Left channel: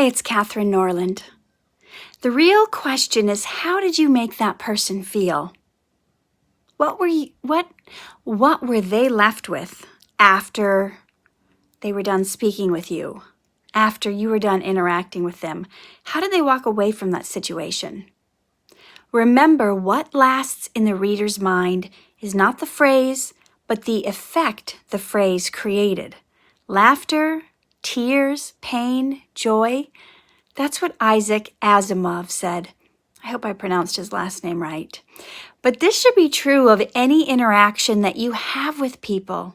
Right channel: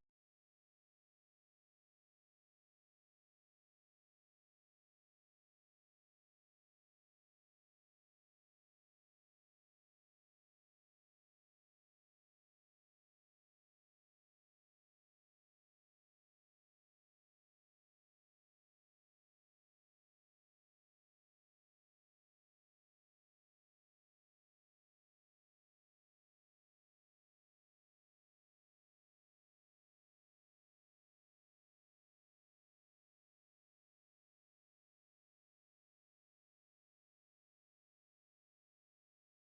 Hey, it's Katherine Norland. The real question is, how did you make that person feel? What were they left with after they were done speaking with you? After you were done interacting with them? How did they walk away from that situation? Remember, what lasts in the reader's mind is not the phrase, but the effect the phrase created. Laughter, tears, pain, joy. That's what Isaac Asimov said. I hope I pronounced his last name right. But this should be true of any interaction that you have with people.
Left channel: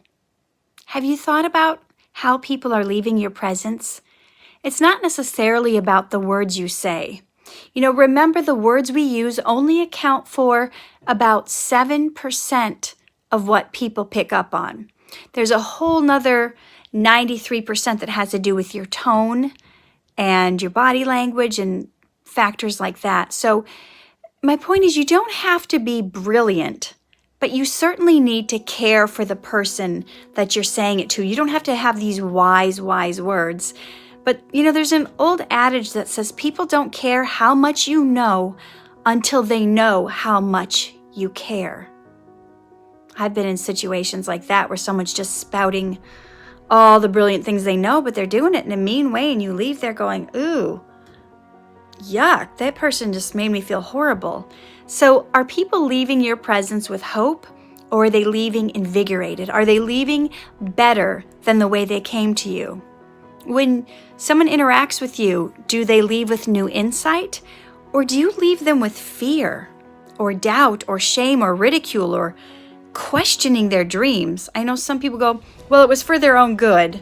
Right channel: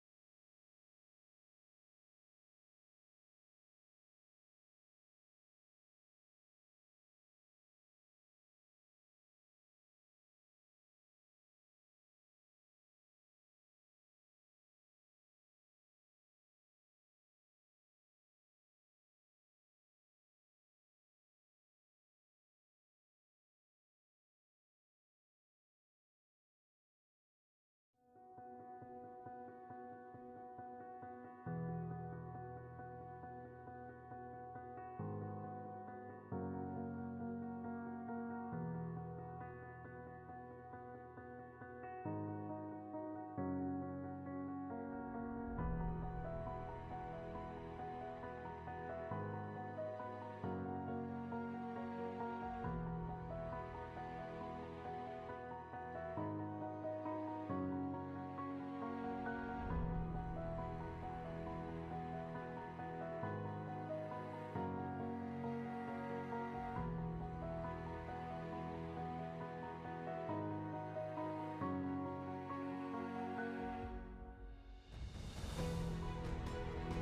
Have you thought about how people are leaving your presence? It's not necessarily about the words you say. Remember, the words we use only account for about 7% of what people pick up on. There's a whole nother 93% that has to do with your tone and your body language and factors like that. So my point is, you don't have to be brilliant, but you certainly need to care for the person that you're saying it to. You don't have to have these wise words. But, there's an old adage that says people don't care how much you know until they know how much you care. I've been in situations like that where someone's just spouting all the brilliant things they know, but they're doing it in a mean way, and you leave there going, ooh, yuck, that person just made me feel horrible. So are people leaving your presence with hope, or are they leaving invigorated? Are they leaving better than the way they came to you? When someone interacts with you, do they leave with new insight, or do you leave them with fear or doubt or shame or ridicule or questioning their dreams? I know some people go, well, it was for their own good.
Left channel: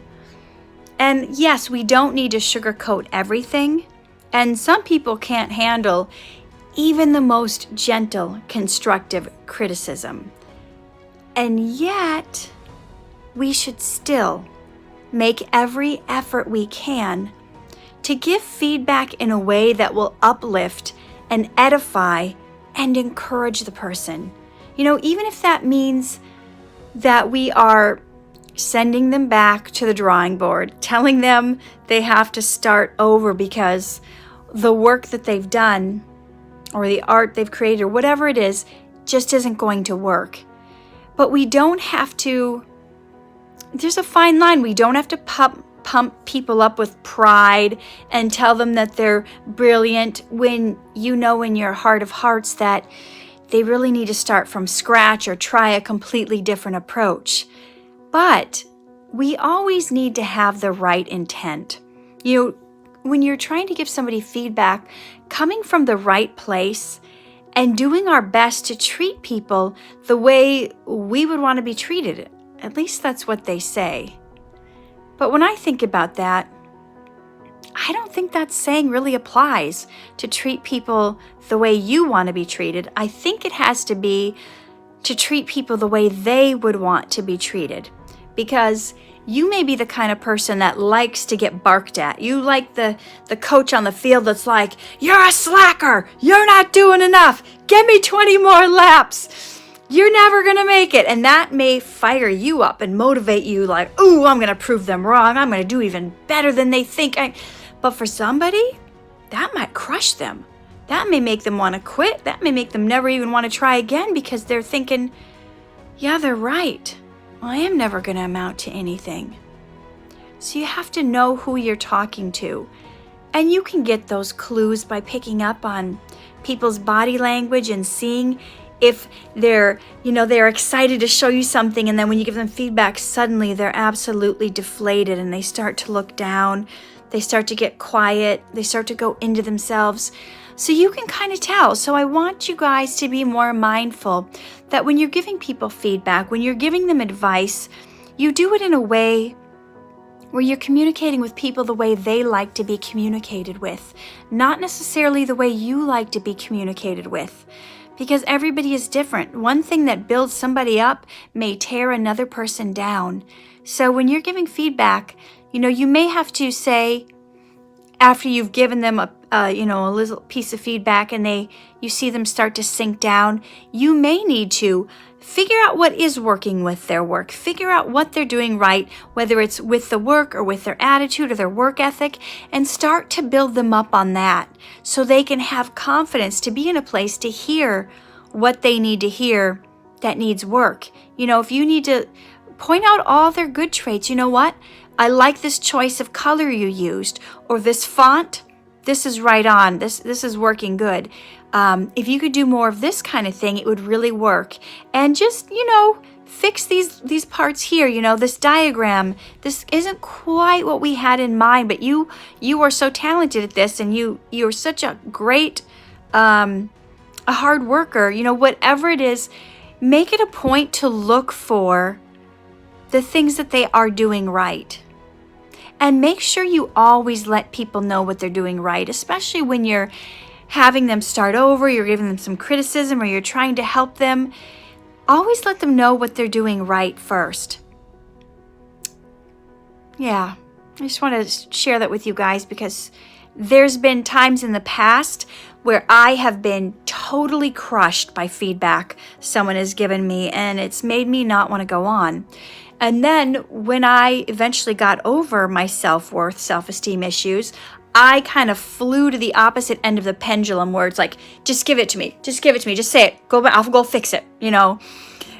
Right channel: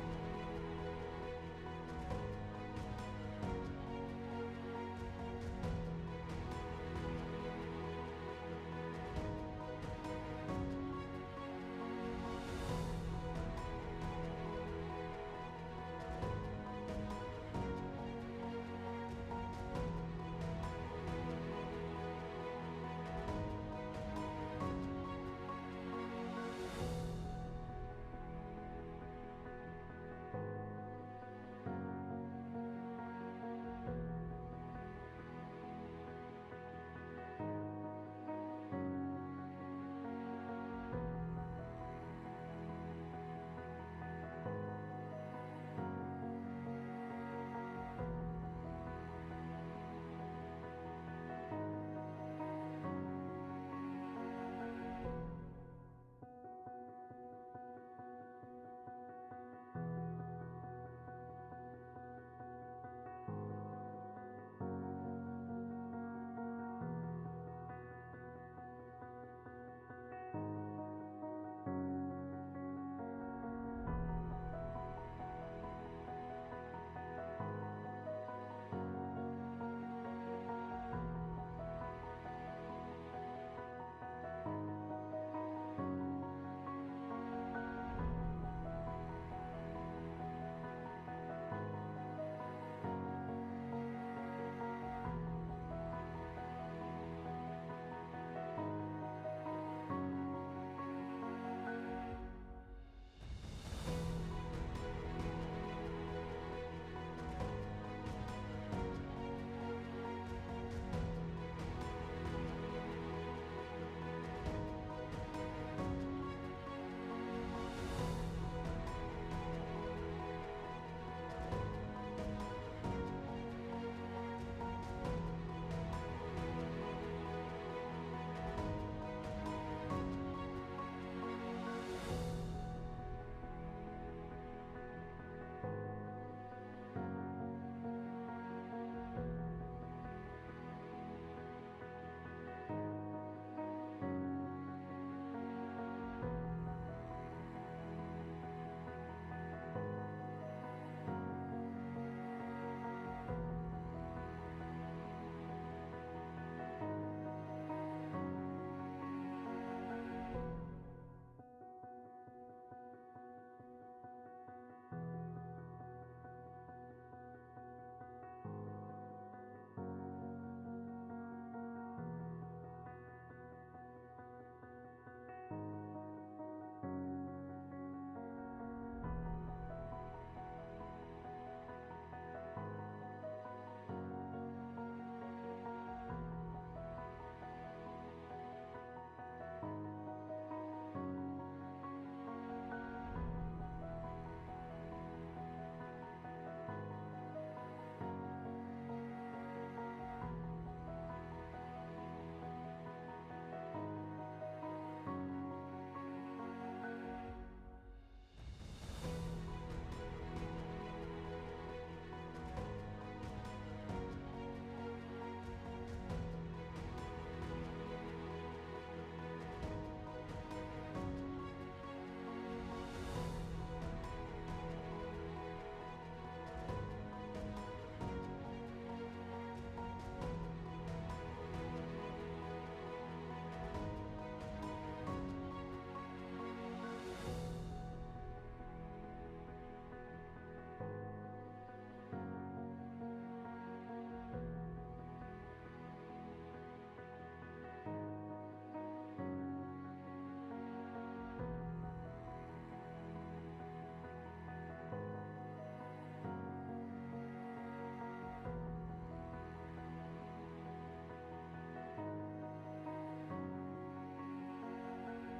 And yes, we don't need to sugarcoat everything. And some people can't handle even the most gentle, constructive criticism. And yet, we should still make every effort we can to give feedback in a way that will uplift and edify and encourage the person. Even if that means that we are sending them back to the drawing board, telling them they have to start over because the work that they've done or the art they've created or whatever it is just isn't going to work. But we don't have to, there's a fine line. We don't have to pump people up with pride and tell them that they're brilliant when you know in your heart of hearts that they really need to start from scratch or try a completely different approach. But we always need to have the right intent. When you're trying to give somebody feedback, coming from the right place and doing our best to treat people the way we would want to be treated. At least that's what they say. But when I think about that, I don't think that saying really applies to treat people the way you want to be treated. I think it has to be to treat people the way they would want to be treated. Because you may be the kind of person that likes to get barked at. You like the coach on the field that's like, you're a slacker, you're not doing enough, give me 20 more laps, you're never gonna make it. And that may fire you up and motivate you like, ooh, I'm gonna prove them wrong, I'm gonna do even better than they think. But for somebody, that might crush them. That may make them want to quit. That may make them never even want to try again because they're thinking, yeah, they're right. I am never going to amount to anything. So you have to know who you're talking to. And you can get those clues by picking up on people's body language and seeing if they're excited to show you something, and then when you give them feedback, suddenly they're absolutely deflated and they start to look down, they start to get quiet, they start to go into themselves. So you can kind of tell. So I want you guys to be more mindful that when you're giving people feedback, when you're giving them advice, you do it in a way where you're communicating with people the way they like to be communicated with, not necessarily the way you like to be communicated with, because everybody is different. One thing that builds somebody up may tear another person down. So when you're giving feedback, you may have to say, after you've given them a little piece of feedback and you see them start to sink down, you may need to figure out what is working with their work. Figure out what they're doing right, whether it's with the work or with their attitude or their work ethic, and start to build them up on that so they can have confidence to be in a place to hear what they need to hear that needs work. You know, if you need to point out all their good traits, you know what? I like this choice of color you used, or this font, this is right on, this is working good. If you could do more of this kind of thing, it would really work. And just, you know, fix these parts here, you know, this diagram, this isn't quite what we had in mind, but you are so talented at this, and you're such a great, a hard worker, you know, whatever it is, make it a point to look for the things that they are doing right. And make sure you always let people know what they're doing right, especially when you're having them start over, you're giving them some criticism, or you're trying to help them. Always let them know what they're doing right first. Yeah, I just want to share that with you guys, because there's been times in the past where I have been totally crushed by feedback someone has given me, and it's made me not want to go on. And then when I eventually got over my self-worth, self-esteem issues, I kind of flew to the opposite end of the pendulum, where it's like, just give it to me, just give it to me, just say it, I'll go fix it, you know.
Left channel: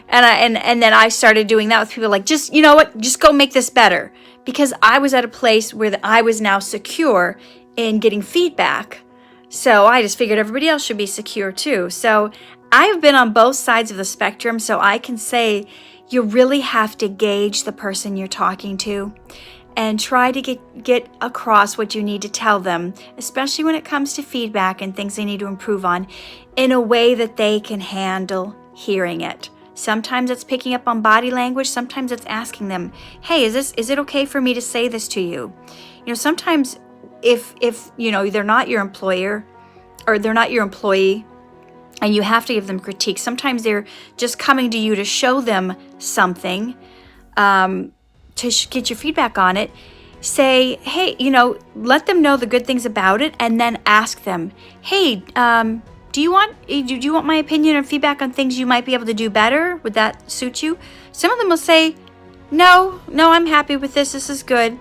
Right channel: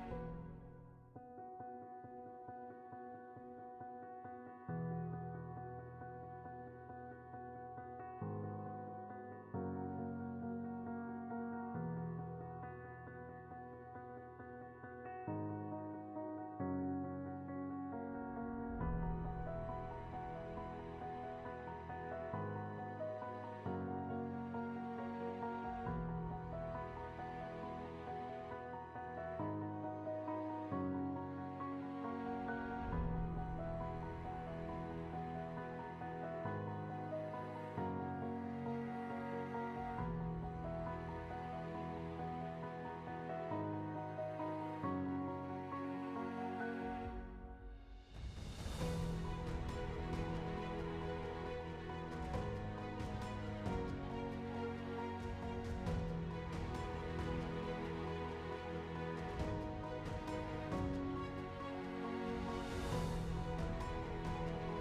And then I started doing that with people, like, just, you know what, just go make this better, because I was at a place where I was now secure in getting feedback. So I just figured everybody else should be secure too. So I've been on both sides of the spectrum, so I can say you really have to gauge the person you're talking to and try to get across what you need to tell them, especially when it comes to feedback and things they need to improve on, in a way that they can handle hearing it. Sometimes it's picking up on body language. Sometimes it's asking them, hey, is it okay for me to say this to you? You know, sometimes if you know, they're not your employer or they're not your employee, and you have to give them critique, sometimes they're just coming to you to show them something, to get your feedback on it. Say, hey, you know, let them know the good things about it, and then ask them, hey, do you want my opinion or feedback on things you might be able to do better? Would that suit you? Some of them will say, no, I'm happy with this is good.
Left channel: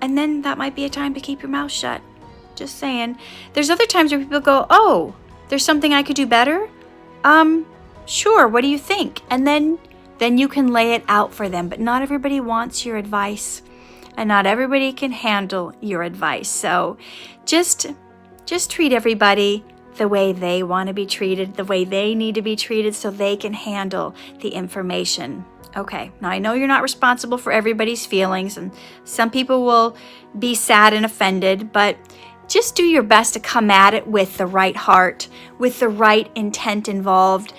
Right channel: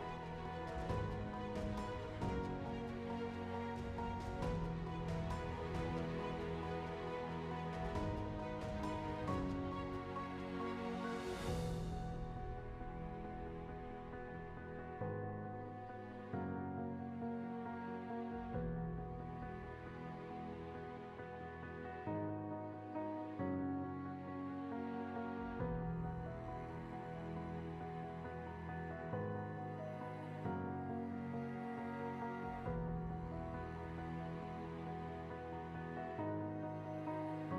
And then that might be a time to keep your mouth shut. Just saying. There's other times where people go, oh, there's something I could do better? Sure, what do you think? And then you can lay it out for them. But not everybody wants your advice, and not everybody can handle your advice. So just treat everybody the way they want to be treated, the way they need to be treated, so they can handle the information. Okay, now I know you're not responsible for everybody's feelings, and some people will be sad and offended, but just do your best to come at it with the right heart, with the right intent involved,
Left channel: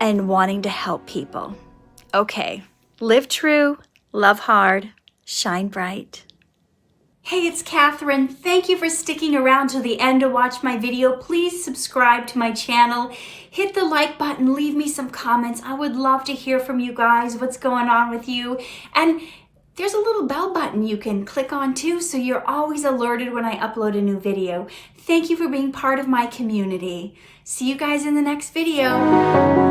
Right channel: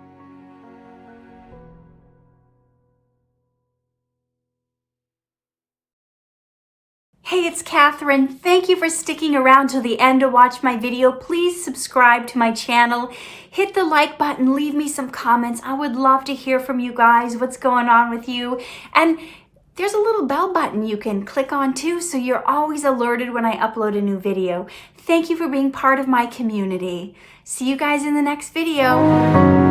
and wanting to help people. Okay, live true, love hard, shine bright. Hey, it's Katherine. Thank you for sticking around till the end to watch my video. Please subscribe to my channel. Hit the like button, leave me some comments. I would love to hear from you guys, what's going on with you. And there's a little bell button you can click on too, so you're always alerted when I upload a new video. Thank you for being part of my community. See you guys in the next video.